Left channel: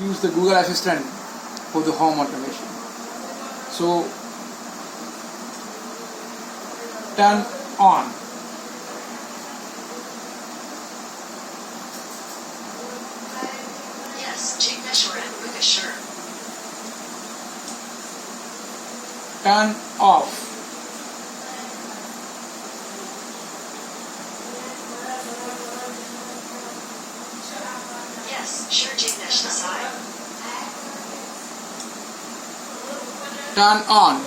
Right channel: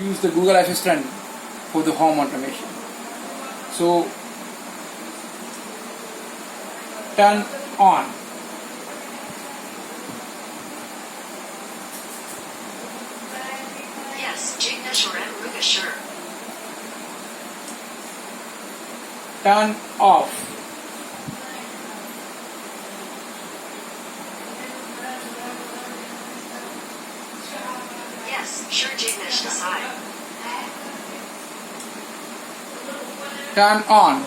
use the Google Assistant for the home automation. So turn on. Yes, Jignesh or Ruga, sure. Turn off. Yes, sure, Jignesh, decide. Turn on.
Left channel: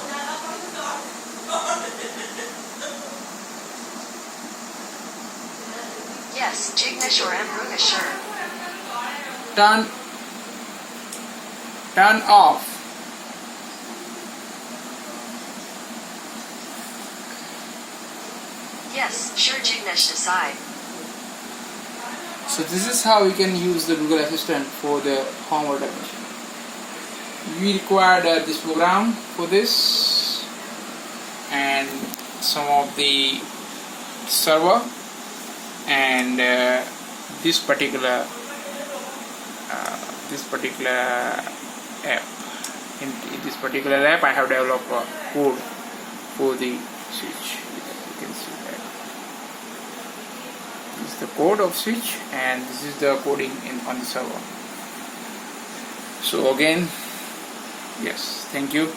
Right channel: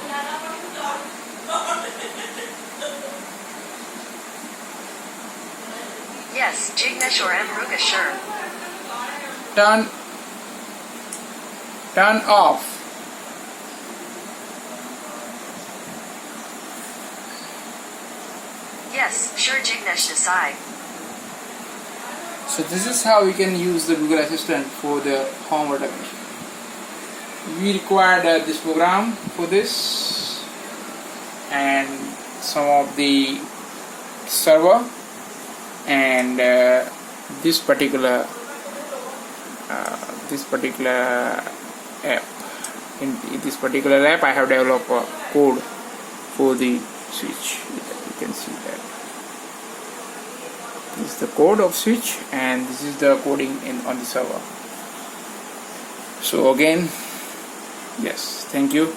Yes, Jignesh or Ruga, sure. Turn off. Yes, sure, Jignesh, decide. So this is how we can use the Google Assistant for the home automation. We required this program for this and some of the server and this particular app. In this particular app, I have developed a code for the switch. You can see that. This is the code of switch and this is the coding on the server. So again, yes, thank you.